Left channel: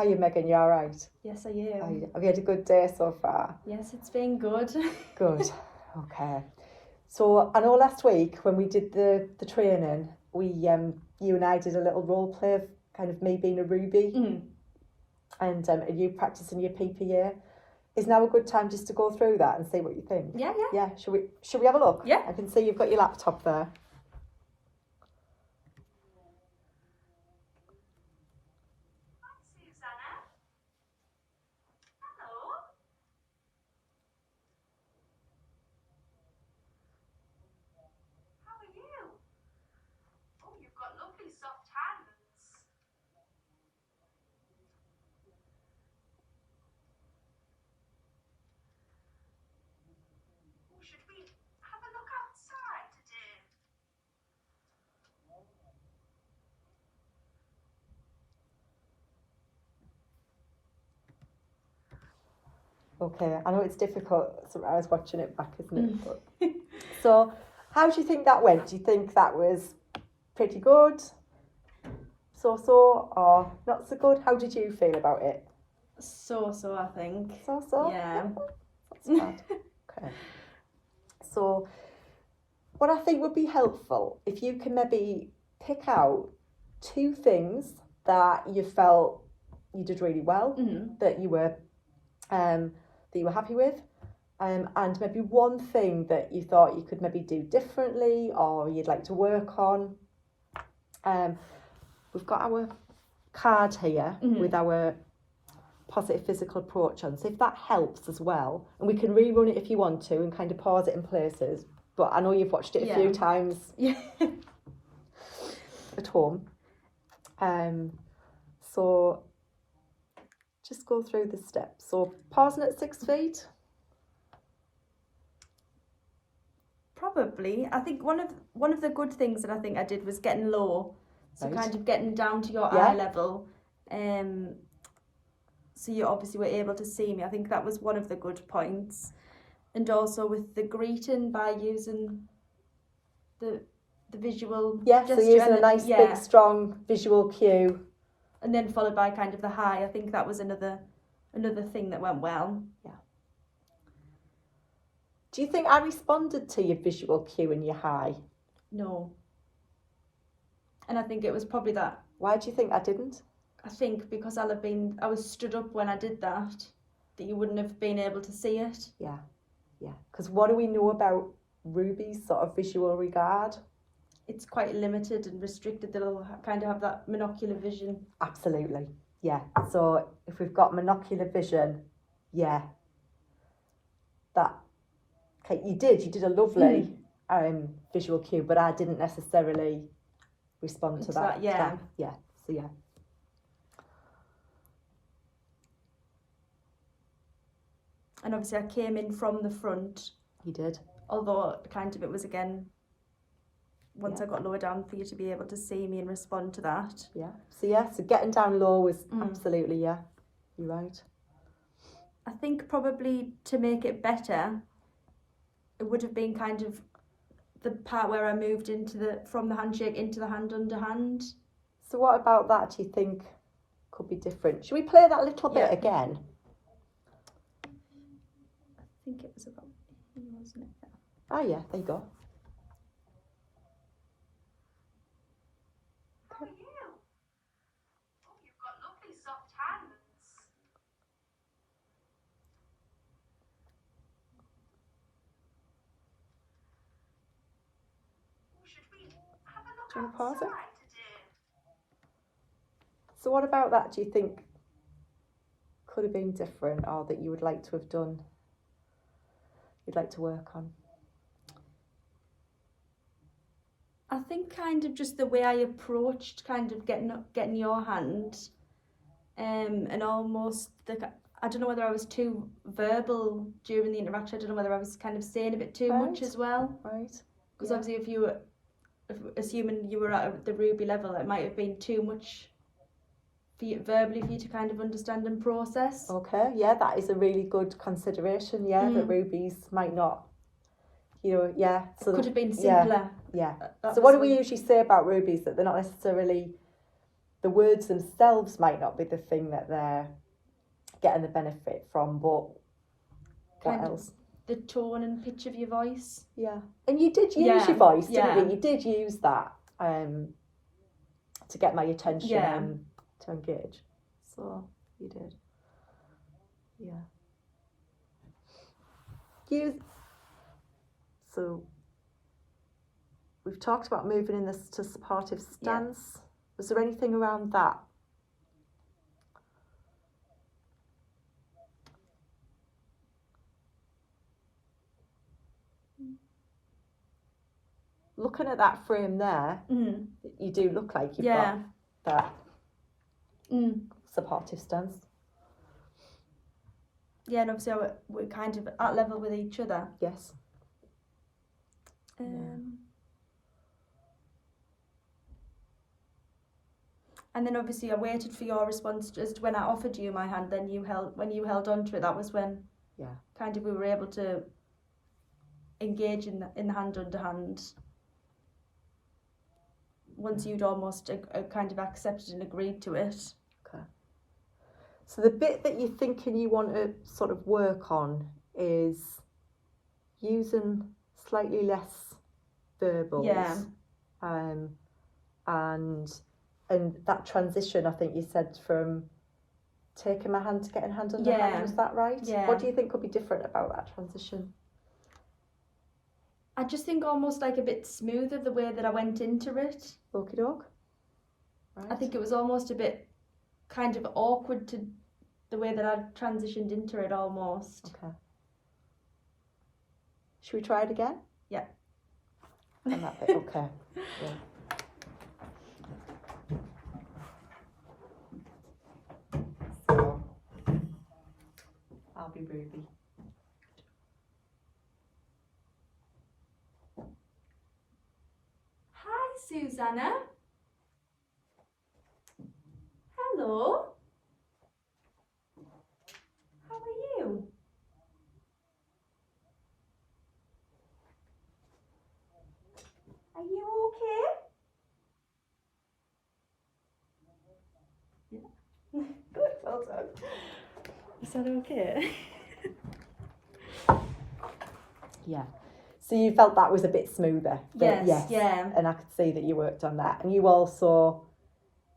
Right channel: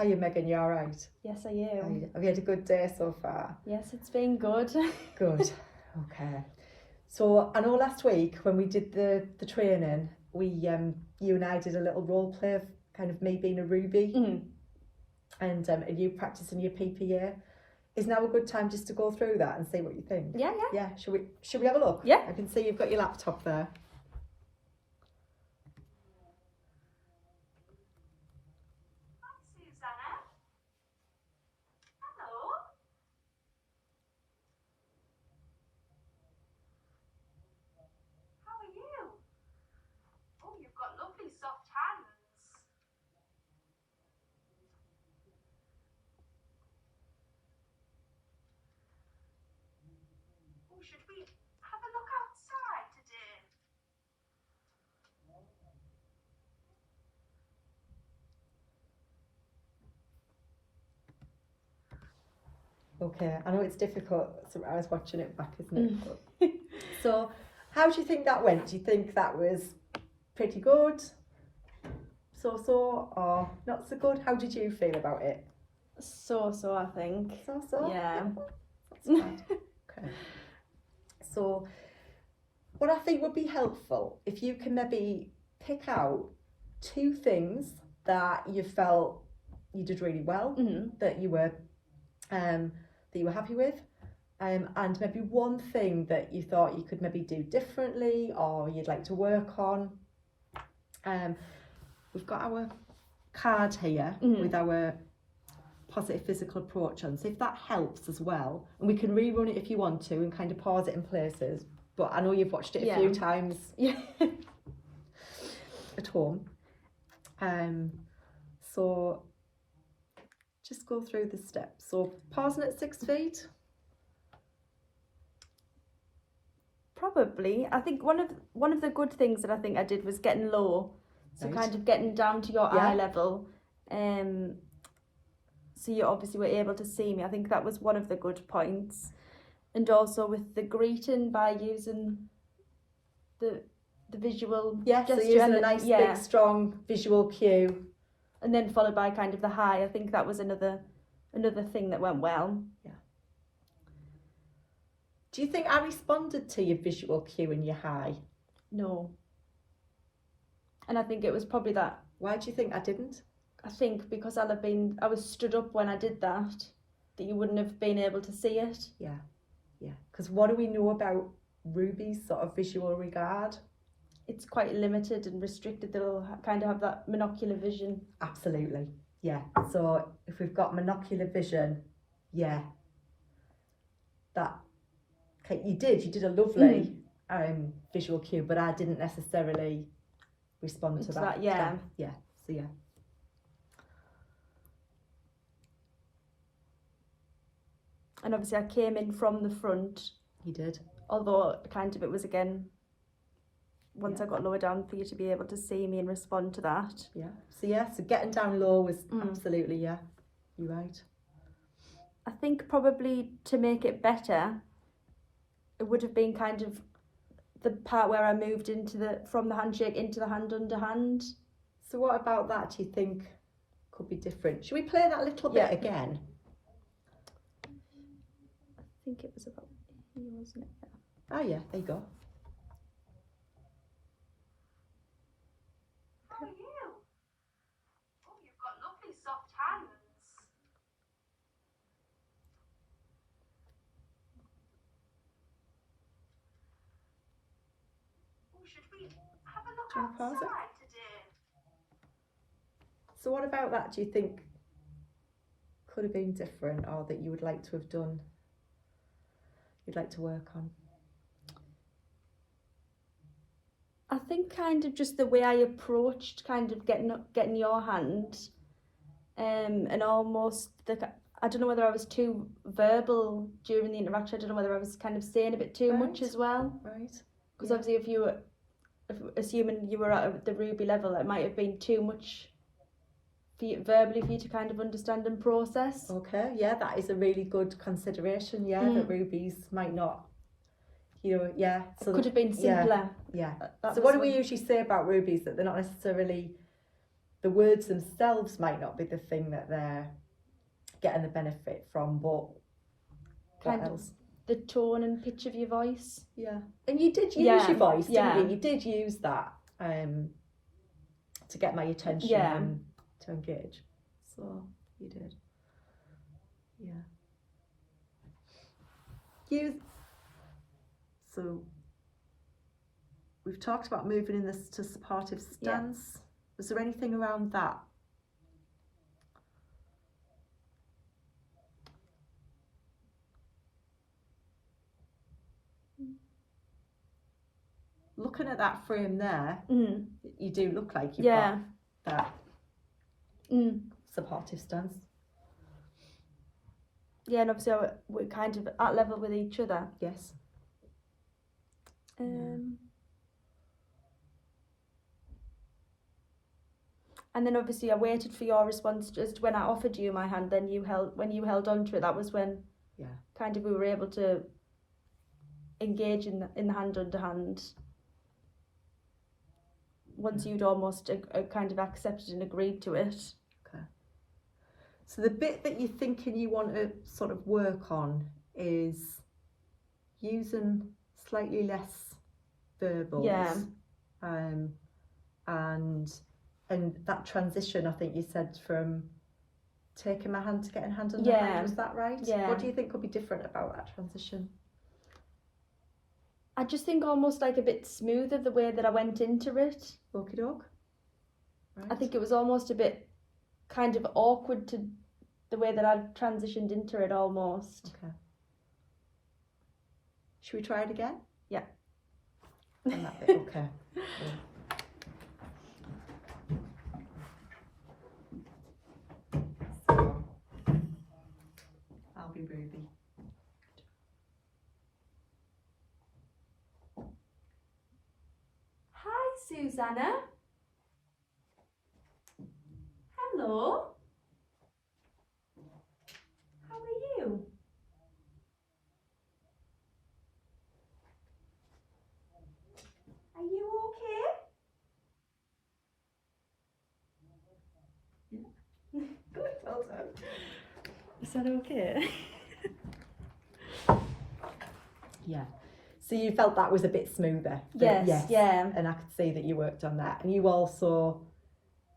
How are you, Megan? You all right? Yes, I am. Have you had a good day so far? Yes, it's been good. Good. Okay. So I know last week when we did the training, we you and I did a little role play of kind of me being a Ruby, and you practicing your PPA. Is now a good time just to go through that and see what you think? Yeah. Yeah. Should we have a look? Yeah. I can see you've got your laptop there. Should we have a look outside today? Okay, I know it's difficult sometimes watching it back, isn't it? But, so, how do you think that went? Do you think that was pretty good? So, or not so good? How did you feel about it? So, I think. So? Yeah. That's bad. Okay. So, what I think would be helpful, if you can maybe pick out 2 things that you felt you did really well, that you were happy with, and maybe 1 thing that you thought you could maybe do differently or you'd like to work on. We've got our card here with our positive physical approach on, so if that helps as well, and we can rerun it if you want to and kind of pause it in places, but I know you've watched it a few times at home. So just go through the steps. So pausing at 6 feet. Probably. I think one of the good things that I think I did was getting low. So kind of getting down to your eye level. So you obviously were able to see me. I think that was one of the good points. And also with the greeting by using the visual gesture. So using a nice big strong visual cue. And then followed by kind of the hi. I think that was another thing that went well. Yeah. Do you think I responded to your visual cue and your hi? No. And I think it was probably that. Why do you think I didn't? I think because I was stood up when I did that you wouldn't have been able to see it. Yeah. Because what do we know about Ruby's sort of visual regard? It's quite limited and restricted. They'll kind of have that monocular vision. Absolutely. Yeah. So if we've got monocular vision, that you did a lovely visual cue, but I didn't necessarily respond to that. Yeah. So yeah. And obviously I came in from the front. You did. Although kind of it was again, once I got lower down for you to be able to see me and respond to that. Yeah. So getting down low was absolutely, you're right. I think probably to make it better, it would have been kind of the part where I moved from the handshake into the hand under hand. So what about that do you think could be different? Should we play that a little bit again? I think it was about here, wasn't it? Oh yeah, there you go. How are you? Oh, you've got lovely soft hands. Oh, should we have a look Do you want to pause outside it? today? So what about that do you think could have been different, or that you would like to have done, you'd like to work on? I think kind of just the way I approached kind of getting your hand, and almost I don't know whether I was too verbal during the interaction. I don't know whether I was kind of saying a bit too much as well. Right. Because obviously assuming you were at the Ruby level, it might have been too much verbally for you to kind of understand and process. Okay, yeah, that is a really good consideration, that Rubies might not, so it could have been simpler. So what do we usually say about Rubies? That they're not necessarily the words themselves might not be the thing that they're getting the benefit from, but Kind what of. else? The tone and pitch of your voice. Yeah, and you did use Yeah, your voice, didn't yeah. you? You did use that to get my attention Yeah. and to engage. So you did. Yeah. So we've talked about moving in this to supportive stance. Was there anything around that? Looking at that frame there, Mm. you do look like you've Yeah. got that Mm. supportive stance. Yeah, and obviously we're kind of at level with each other. Yes. And then obviously I waited for your response. Just when I offered you my hand, then you held on to it. That was when kind of we were able to engage in the hand under hand. Once you'd almost kind of accepted and agreed to it. Okay. So the bit that you're thinking you want to sort of work on is using slightly less verbals. Yeah. And that transition, I think you said, from taking my hand to getting hand under hand, was that right? Yeah. What do you think could be different about that transition? I just think almost like a bit smoother the way that I went into it. Okie doke. Right. I think it was almost a bit kind of awkward to the way that I transitioned into it almost. Okay. Should we try it again? Yeah. And that bit, okay. Yeah. So, I'll be Ruby. Hi, Susanna. Hello. How are you? Are you okay? Good, well done. Is that okay? Yeah. So you felt that was a bit smoother? Yes, yeah. And I could see that you worked on that. And you also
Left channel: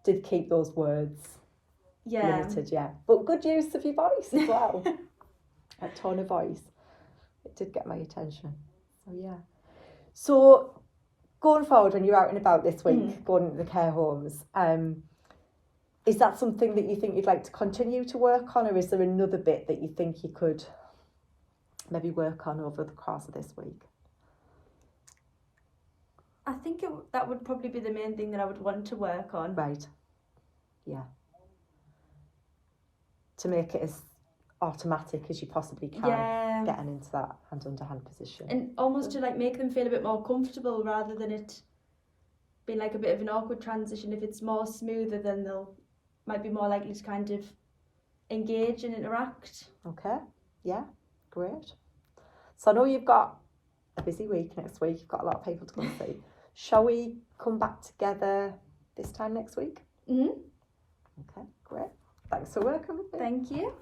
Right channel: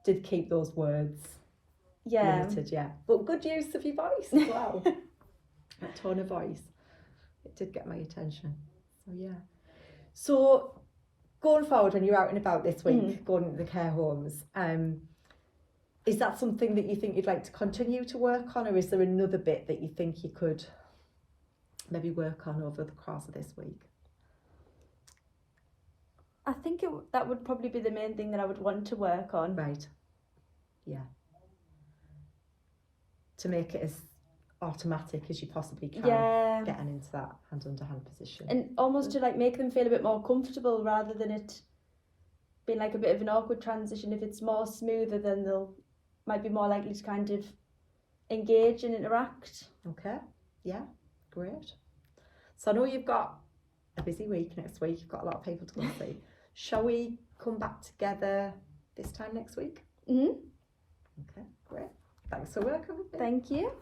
did keep those words limited, yeah. But good use of your voice as well. That tone of voice. It did get my attention. So, yeah. So, going forward, when you're out and about this week, going into the care homes, is that something that you think you'd like to continue to work on, or is there another bit that you think you could maybe work on over the course of this week? I think that would probably be the main thing that I would want to work on. Right. Yeah. To make it as automatic as you possibly can, getting into that hand under hand position. And almost to like make them feel a bit more comfortable rather than it being like a bit of an awkward transition. If it's more smoother, then might be more likely to kind of engage and interact. Okay, yeah, great. So I know you've got a busy week next week, you've got a lot of people to go and see. Shall we come back together this time next week? Mm-hmm. Okay, great. Thanks for working with me. Thank you.